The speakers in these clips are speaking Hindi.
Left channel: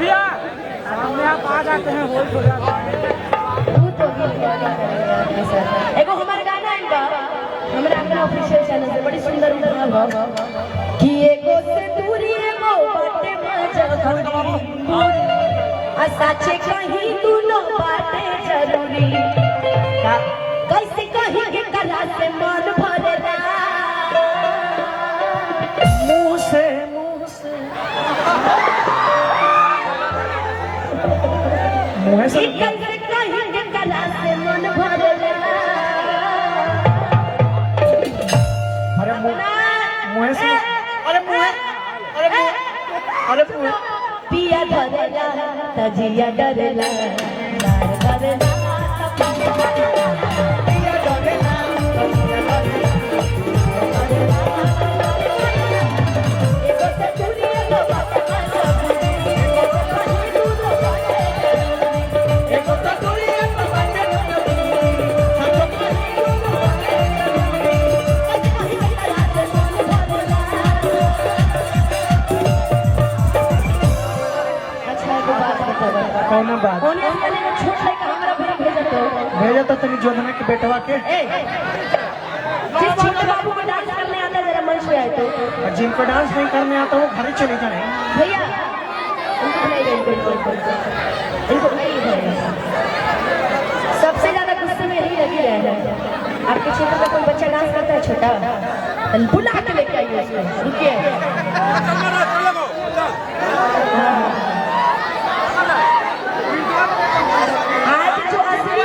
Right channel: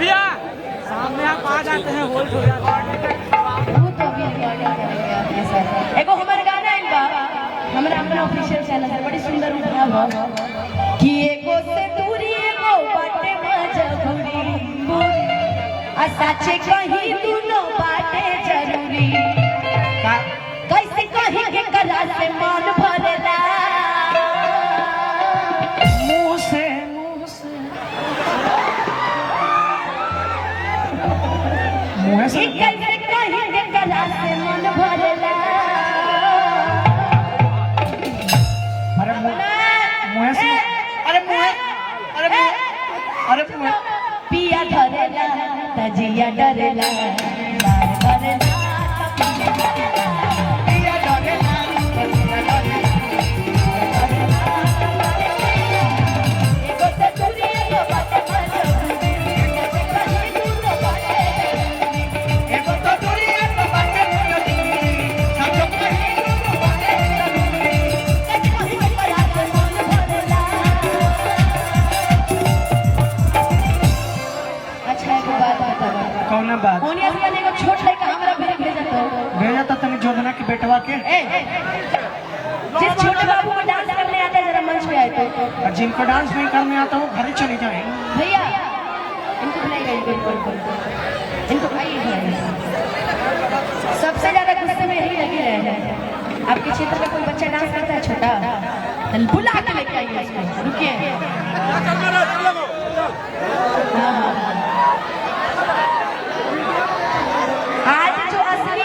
भैया सामने आप आ जाते हैं होल्ड हो जाता है। एगो हमारे गाना है इनका हमारे अपने ऑफिशियल चैनल पे बड़ी सुंदर उपनाम हो कि एगो से दूरी एगो बाटे मजबूरी आ सच्चे कहीं दोनों बाटे जरूरी कैसे कहीं के करा से मन भरला मुंह से मुंह से कैसे कहीं के करा से मन भरला अरे मुंह से अरे मुंह पिया धरेला तजिया डरेला लार डरेला पिया डरेला तजिया डरेला एगो से दूरी एगो बाटे मजबूरी एगो से दूरी एगो बाटे मजबूरी सचो कहीं दूर बाटे जरूरी कहीं करा से मन भरला। अच्छा एक बात बताओ कौन बात कोनिया से एगो छोट लड़का हमरा घर भेजा तो तनी जोधना के बेटवा के जिस छोटे बाबू को डांस करने आता है जरा मंच पे आए तो और जिनको डांस नहीं करने आता वो घर चले जाए। भैया इनको नहीं इनको नहीं सबसे ज्यादा गुस्से में यही लगी रहे हैं। आपके क्षेत्र में कोई बच्चा डांस करता है छोटा बुला के लेके आइए उसको रुकिए आज जो असली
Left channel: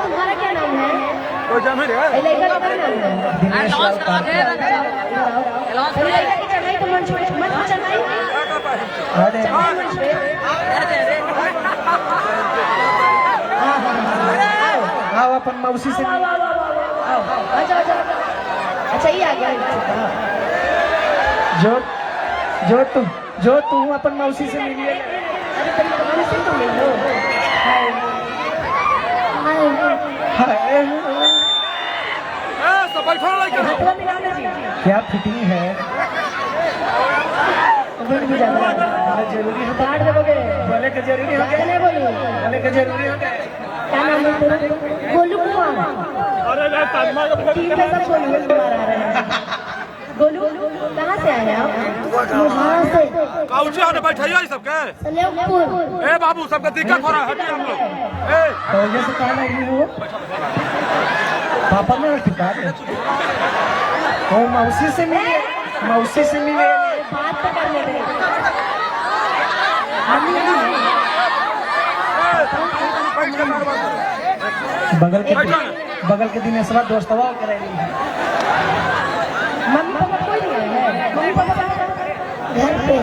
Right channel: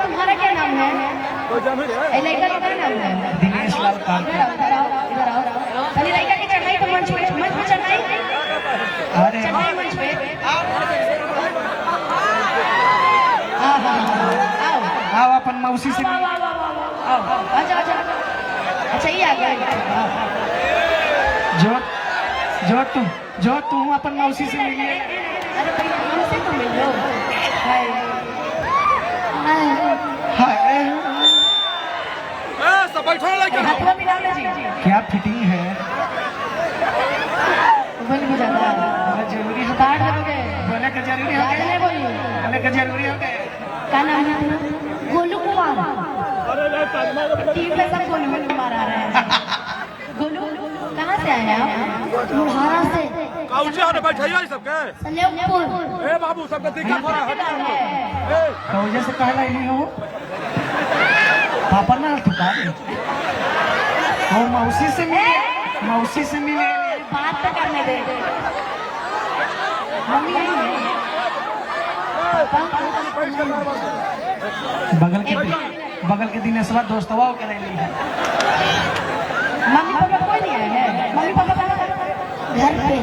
तुम्हारा क्या नाम है? लड़का का क्या नाम है? दिनेश लाल पार्टी। लड़का की चढ़ाई तो मंच पे चढ़ाई अरे आओ अपन मौसी से अच्छा ये आ गया जो तू अपन मौसी से मिलिए। अरे तेरी बहन से तो मिल लो हाय सब बैठो लड़का हाथों मिला लीजिए क्या फिटिंग है भूल भी जाता है बहुत जरूरी है। काट दोगे बोले के जरूरी है राजा ने बोली बोले के जरूरी है। क्या नाम है तेरा? गोलू कुमार ठीक है सब गोलू कुमार आ रहे हैं। गोलू कहाँ से आए आप? यहाँ से काउची आने बैठाइए सबके सलेमपुर। ए बाबू सबके दिक्कत हो रहा है तो ये से कहा नहीं है वो पापा ना ठुका दे वो मौसी से मिले बात तो करने दे बगल के दिन सवा दोस्तवा के रही है। मम्मी पापा कोई नहीं आए हैं? मम्मी पापा घर पे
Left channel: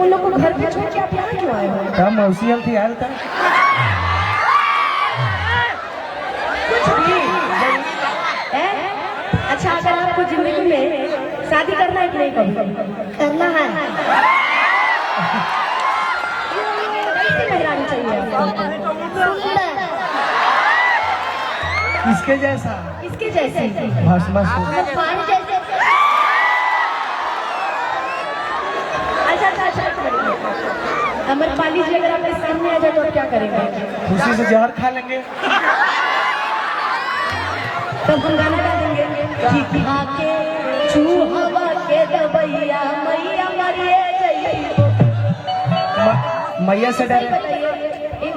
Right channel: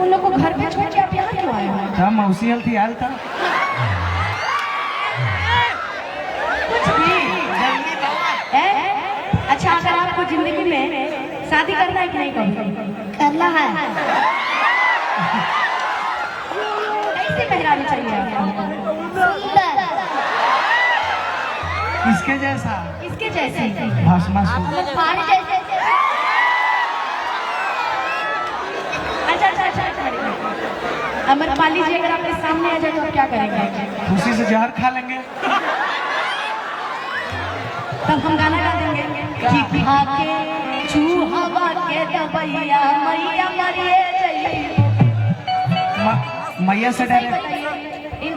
उन लोग को घर पे छोड़ के आप यहाँ क्यों आए हैं? क्या मौसी हल्थी आयल था कुछ भी है? अच्छा अगर आपको जिंदगी में शादी करना है कि नहीं करना है कैसे कहलानी चाहिए आपको? इसके जैसा इसके जैसे भस्मा तुम्हारे जैसे अच्छा अमर काली जी अगर आपके सामने आ जाए तो आप क्या करेंगे? खुशी से जहर खा लेंगे। तब हम गाना गा देंगे कि खा के चूहा के दबैया मैया मरिए मैया से डायरेक्ट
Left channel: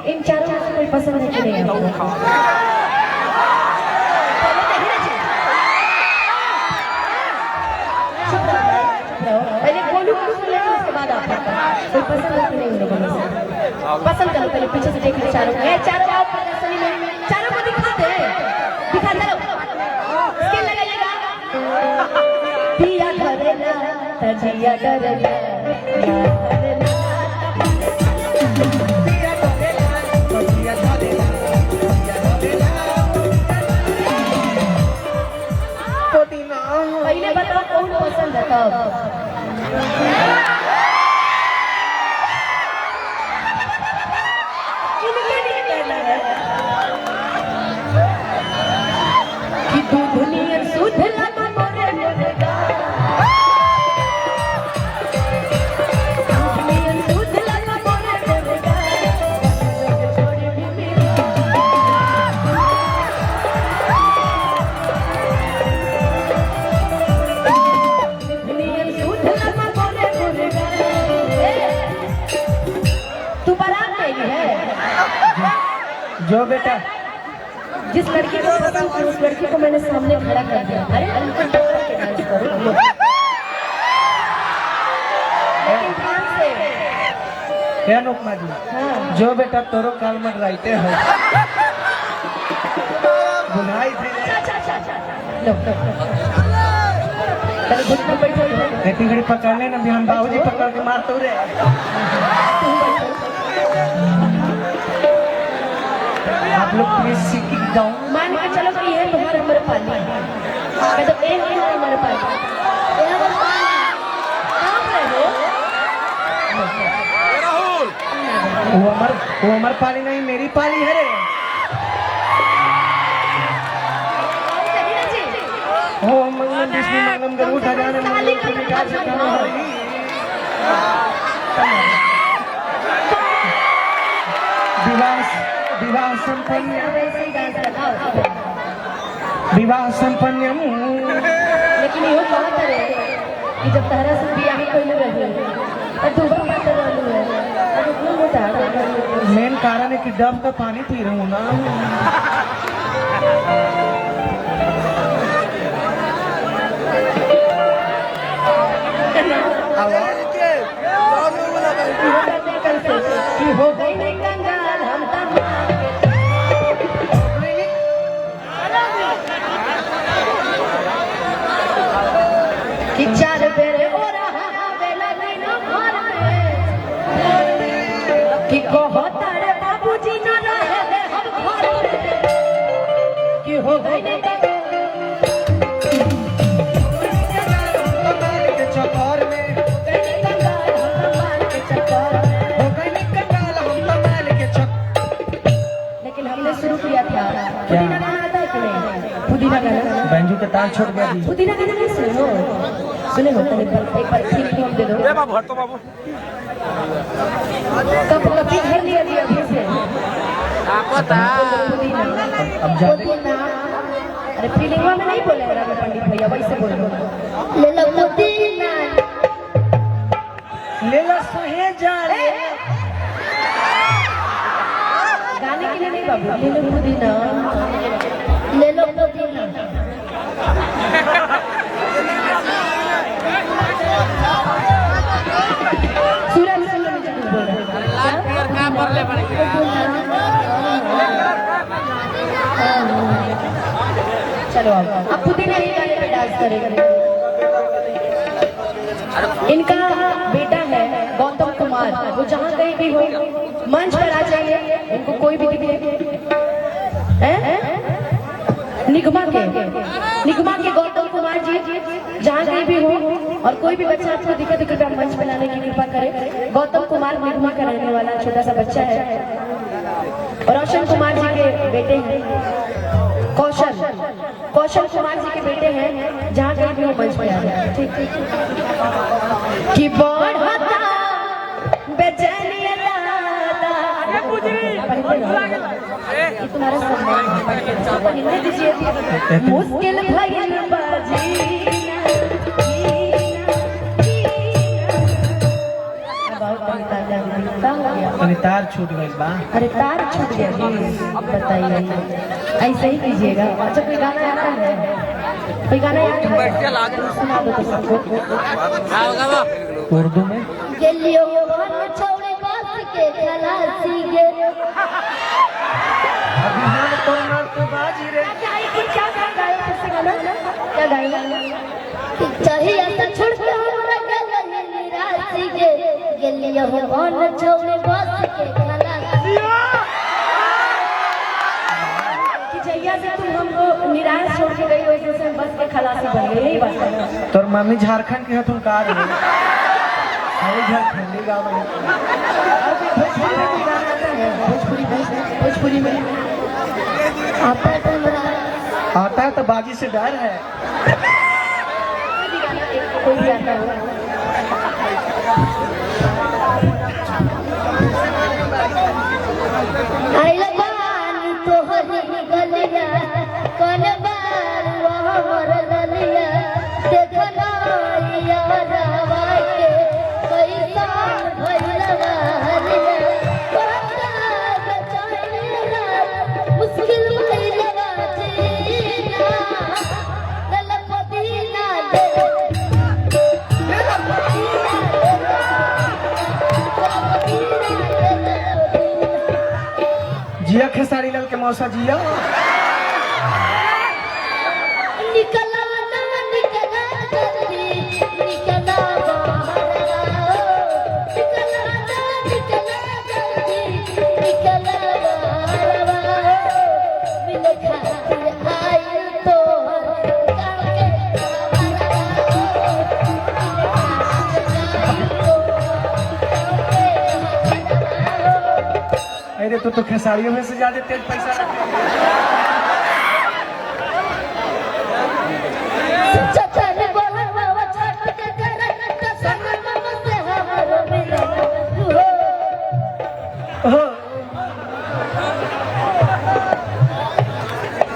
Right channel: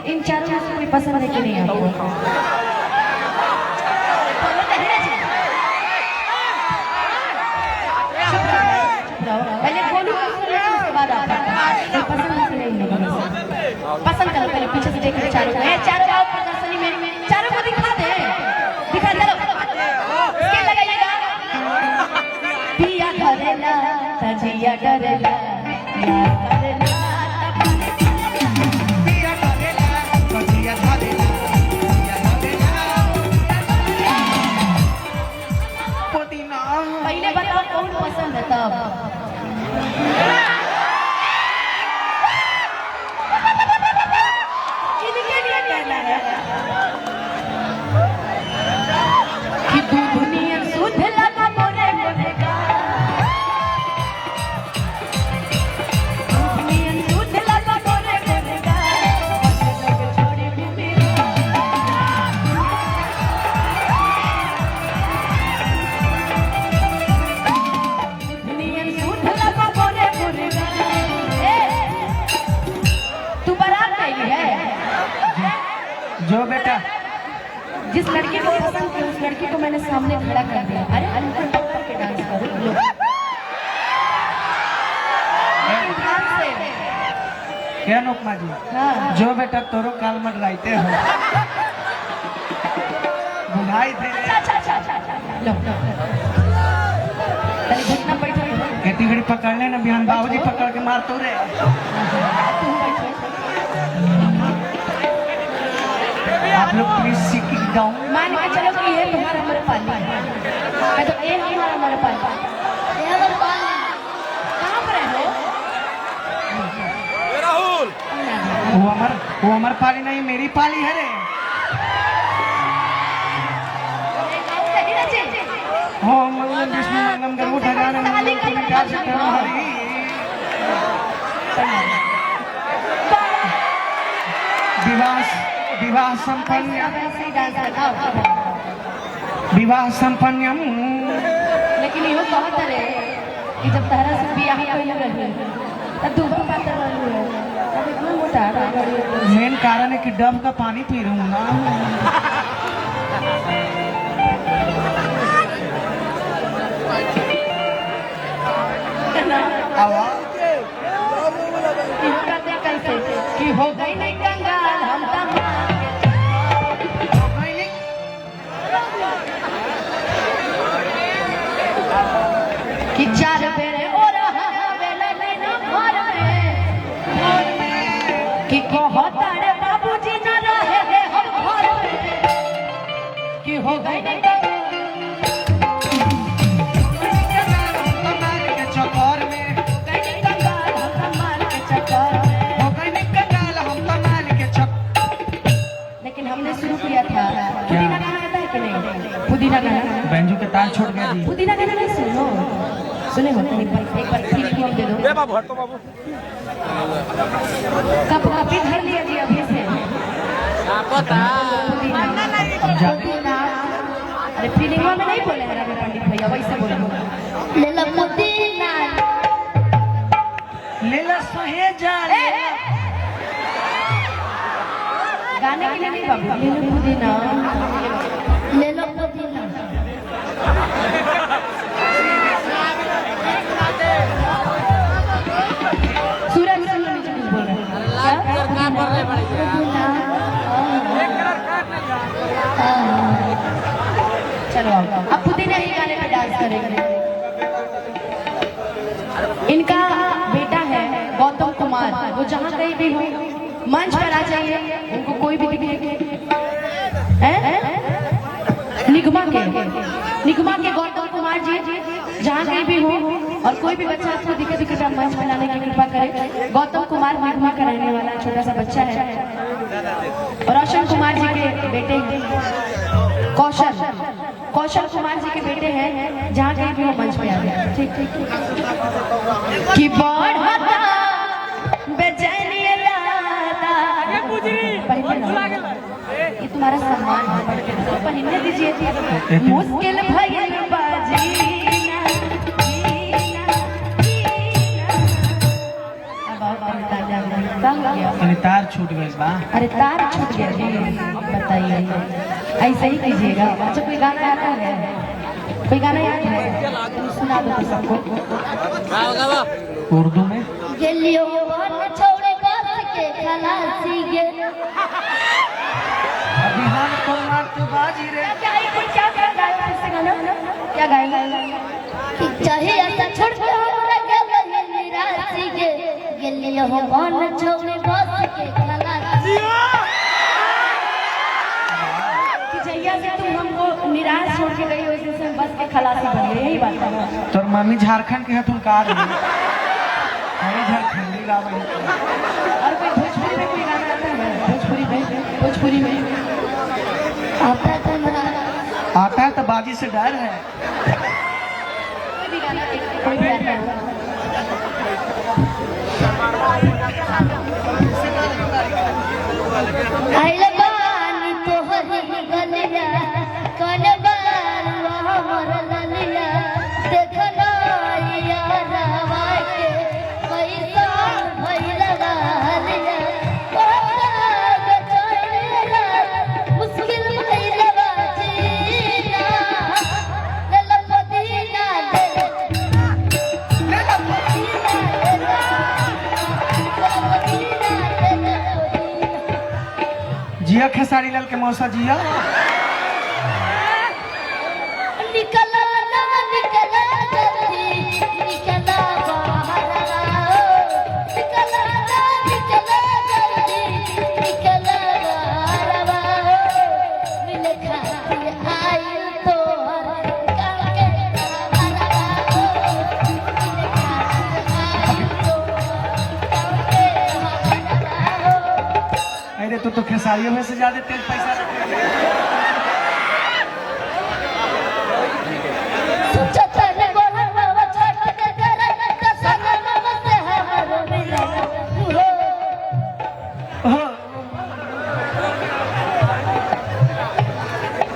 इन चारों में से कोई पसंद है कि नहीं आपको? पहले गोलू को सुन लेते उसके बाद आप कोई पसंद है कि नहीं लोगों में से? पसंद करो पहले पीछे से देखिए चारों आओ प्रदर्शनी में चारों को दिखाते दिखा चलो स्केल लगाइएगा पिया धरेला तजिया डरेला पहले बताओ कौन पसंद है तब कि दूध नियन सुध लगा मोरे मोरे गाल दूध नियन सुध लगा मोरे मोरे गाल छोड़ी भी मेरी दूध नियन सुध लगा मोरे मोरे गाल तू बारात नहीं है जो बेटा जिस लड़के को पसंद थी उस लड़की को मैंने सामने खड़ा कर दिया अरे उनको टक्कर के डांस करो लेकिन ध्यान से क्या लोकमा जी हाँ जो बेटा तोरो काल मत गाइते हो बुलाई थे लो पहले घुटना बैठो खेती घड़ी पकड़ने ना बिहान बाबूजी पकड़ के मार तो रे आप लोग प्लीज सीख जाओ मान के चलो कि ये तुम्हारा हमारे पाली है मैं तो ये हमारा हमारे पाली ये हमारे पाली कहाँ पर हो ए राहुल वो अमर पाली नहीं मेरी पाली है रे ओम विष्णु मंगलम गरुड़ ध्वजानन मंगलम पुनीता चित्तम हरि विवाह संपन्न ऐसे ही डांस लगाओ विवाह संपन्नम लेकिन यो कहत रे कि जब तारा से बियाह कइले रहे तब तू बन बात रहलू है अब इतना बता मेन कारण है कि डब का पानी पी रहा हूँ ना कैसे कि हो गई नहीं कंगाल हम तब कि चार बेरे हो रहा वेला दिन भर में कि कहो तारे बाबूजी न रहे हम घर में कि हो गई नहीं चौकोर में कंगाल हम के चक्कर में हो गई कंगाल हम कमाल के चक लेकिन हमने शुरू किया था पुदीना गाना आता है कि नहीं पुदीना गाना बैंजू के ताल छोड़ गया जी पुदीना गाना नहीं सुनो सुने हो तो एक बार फिर हम दे दो ए बाबू हट तो बाबू कप कपी भर लिया जी अभी से पता अब जा पुदीना अरे फीलिंगवा में नहीं बोले राम पंडित भैया वैसे बोलो ले लो पुदीना ले ला सहे जा रे गाने के लिए नहीं बाबू ले लो पुदीना ले लो पुदीना सूर्य में बोल रहे लाल पियर का पर ले पड़ेगा चलो अब पुदीना ही गाने पे डांस करेंगे इनका बेटा है गौतम कुमार वो जहाँ कहीं भी हो मंच पर आ जाइए इनको कोई भी दिखे निगमा के गौतम कुमार जी जहाँ कहीं भी हो और कोई भी बच्चा आपको दिखे तो मंच पर लाने की कृपा करें गौतम कुमार निगमा का रहने वाला छोटा सा बच्चा है रोशन कुमार जी के बेटे हैं कौशल कुमार जी के बेटे हैं जहाँ कहीं भी वो मंच पे आ गए ठीक कि बढ़ता बेचैनी यादा ये तुम्हारा सम्मान है पर हिंदी दीजिए मुश्किल भइल बाजी तार छूट गई बा अरे तार छूट गया जी बताइए ऐसे ही कीजिएगा अच्छा कोई गाना आता है कोई गाना याद है सुना दो तो सबको उर्दू में गेलियो वन छोड़े बात के खलासी गे अभी हम तो मार तो बाजी रे क्या गाया फिर से गाना क्या गाया चाहिए ऐसा छोड़ के हमरा गेलो निराशी गे गेलियो वन छोड़े बात के खलासी कि जैया से तुम हमको निराश छोड़ के गई वैसे से बस के खलासी बन गए यही बात है तोर मम्मी झारखंड की है तुम कार है अरे झारखंडी गाँव में और कोई भोजपुरी में कोई गाना आता है भोजपुरी में आता है तो आता है तो बाजी बाबूजी से डर है। कोई भी आता है। आइले बानी तोहरी गलिया कौन बार हमर गलिया देखला यार आके कैसा भइलवा हलिया मुश्किल भइलवा जीना दिल मदीना दे दिल मदीना जिया खेसारी लाल के मौसा जिया। निकला ना निकला जल्दी निकला बाहर निकला ना निकला जल्दी निकला बाहर मिल खातिर आई तो अरे तो खेसारियों में से ज्यादा तेल पैसा चचर बोलवा छट के करे त सनम से हमर मिला हो।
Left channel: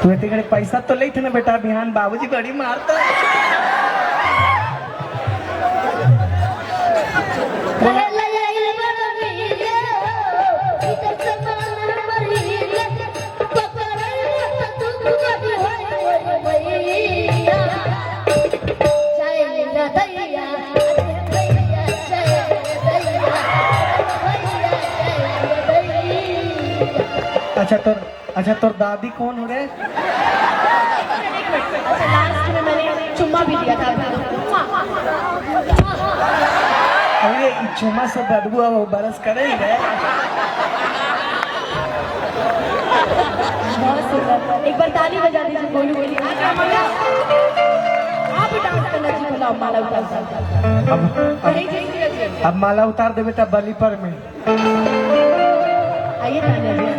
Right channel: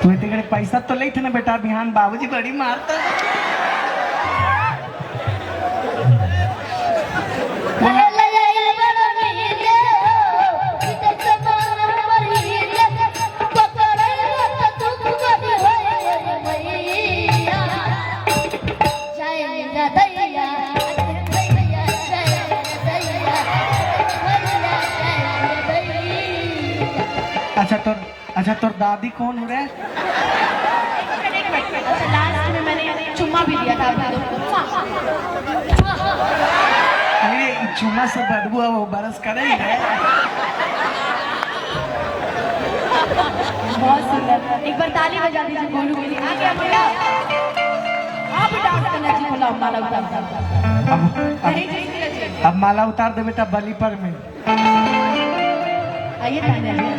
तू इतने पैसा तो ले थे ना बेटा, बिहान बाबूजी बड़ी मारता है। अच्छा तोर दादी कौन हो रहे? लास्ट में मैंने चुम्मा भी दिया था। अरे चुम्मा से बदबू वो बरस करे ही है। बहुत सुंदर, एक बार ताली बजा दीजिए। बोलू बोली आगे भैया आप डांस करना चाहिए। बोला माला उतार अब माला उतार दो बेटा बली पर में। आइए तालियां।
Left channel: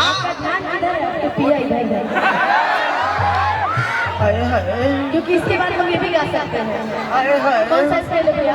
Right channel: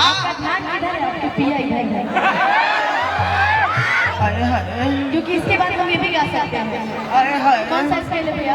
आपका ध्यान किधर है? आपको पिया इधर है अरे हाय क्योंकि इसके बाद हम ये भी गा सकते हैं। अरे हाय कौन सा स्टाइल है भैया?